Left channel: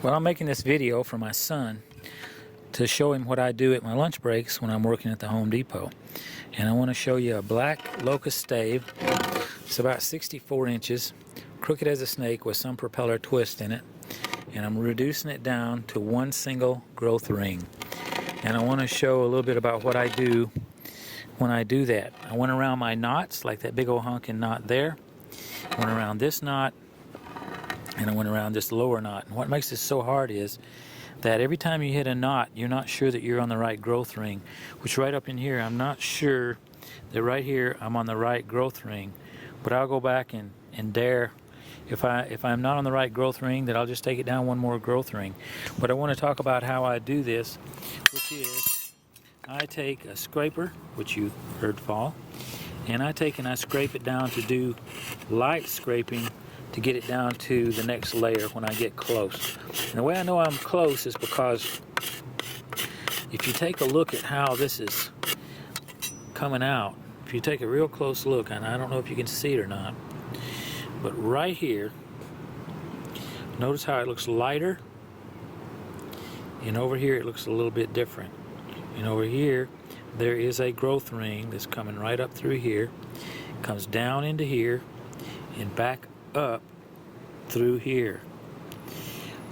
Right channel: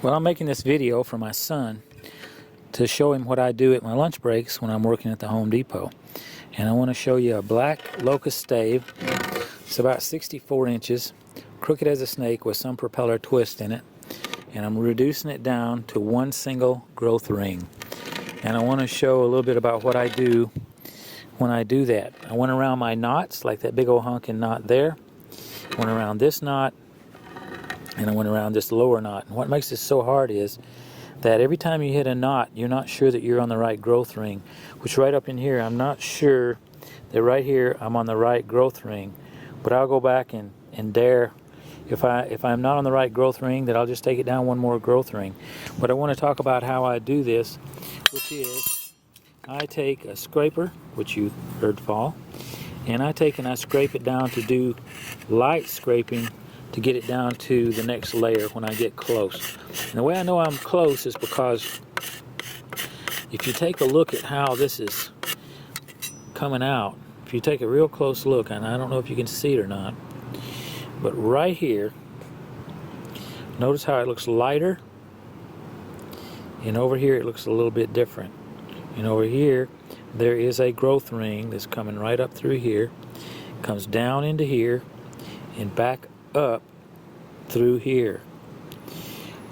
Well, I'm making this video for my son to show him what I do at my lunch breaks when I'm working at the Home Depot. And I want to show you a black locust stave. It's about 64 inches, crooked as a snake with some propeller twist in it. And I'm reducing it down to one single growth ring. And I want to show a little bit about what I do when I do that. I went around my knots, like that big old honking knot there. Went around this knot, and I went around this lower knot. And what makes this so hard is that every time you hit a knot, you're not sure that you're on the right growth ring. Which right up in here, I'm not sure that right here I'm on the right growth ring. But I'll go back and dare. If I'm not on the right growth ring, then I'll just take it down one more growth ring. But I want to talk about how I do this, which is I take a scraper, which you heard fall, and I scrape it down to do light scraping to get it down to the next layer when I get close. And the way I know I'm close is because if you take a look at how this is coming out, if you take a real close look, and I don't know if you can see it or not, but right here, notice how it looks lighter, and over here it looks a little bit different. And over here, there is a growth ring that's coming right up through here, comes down into here, and back up through here.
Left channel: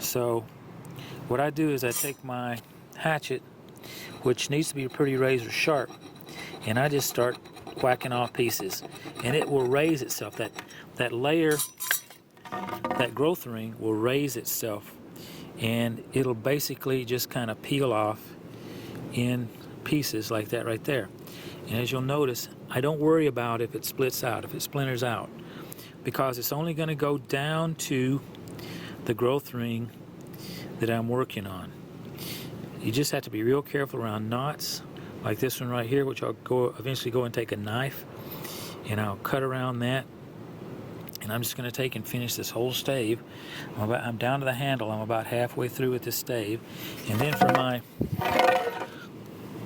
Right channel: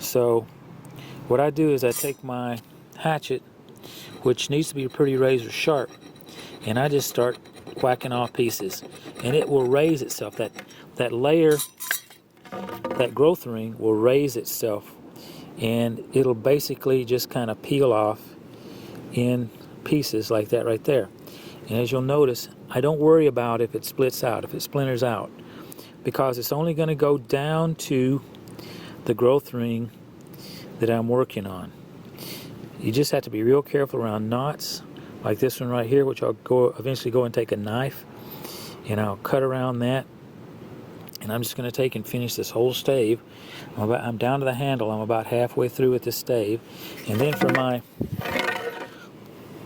So what I do is I take my hatchet, which needs to be pretty razor sharp, and I just start whacking off pieces, and it will raise itself. That layer, that growth ring will raise itself, and it'll basically just kind of peel off in pieces like that right there. And as you'll notice, I don't worry about if it splits out, if it splinters out, because it's only going to go down to the growth ring that I'm working on. You just have to be real careful around knots like this one right here, which I'll eventually go and take a knife and I'll cut around that. And I'm just going to take and finish this whole stave. I'm down to the handle. I'm about halfway through with this stave. And then for my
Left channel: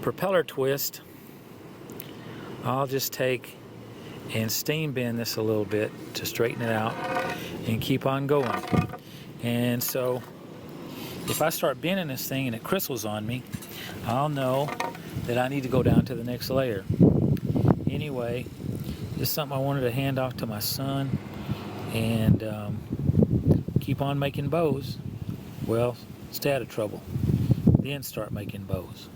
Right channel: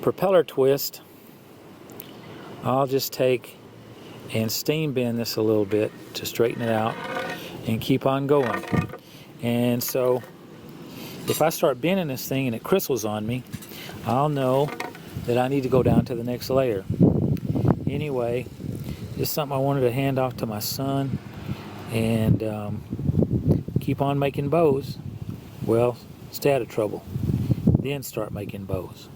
propeller twist, I'll just take and steam bend this a little bit to straighten it out and keep on going. And so if I start bending this thing and it crystals on me, I'll know that I need to go down to the next layer. Anyway, this is something I wanted to hand off to my son, and keep on making bows. Well, stay out of trouble, then start making bows.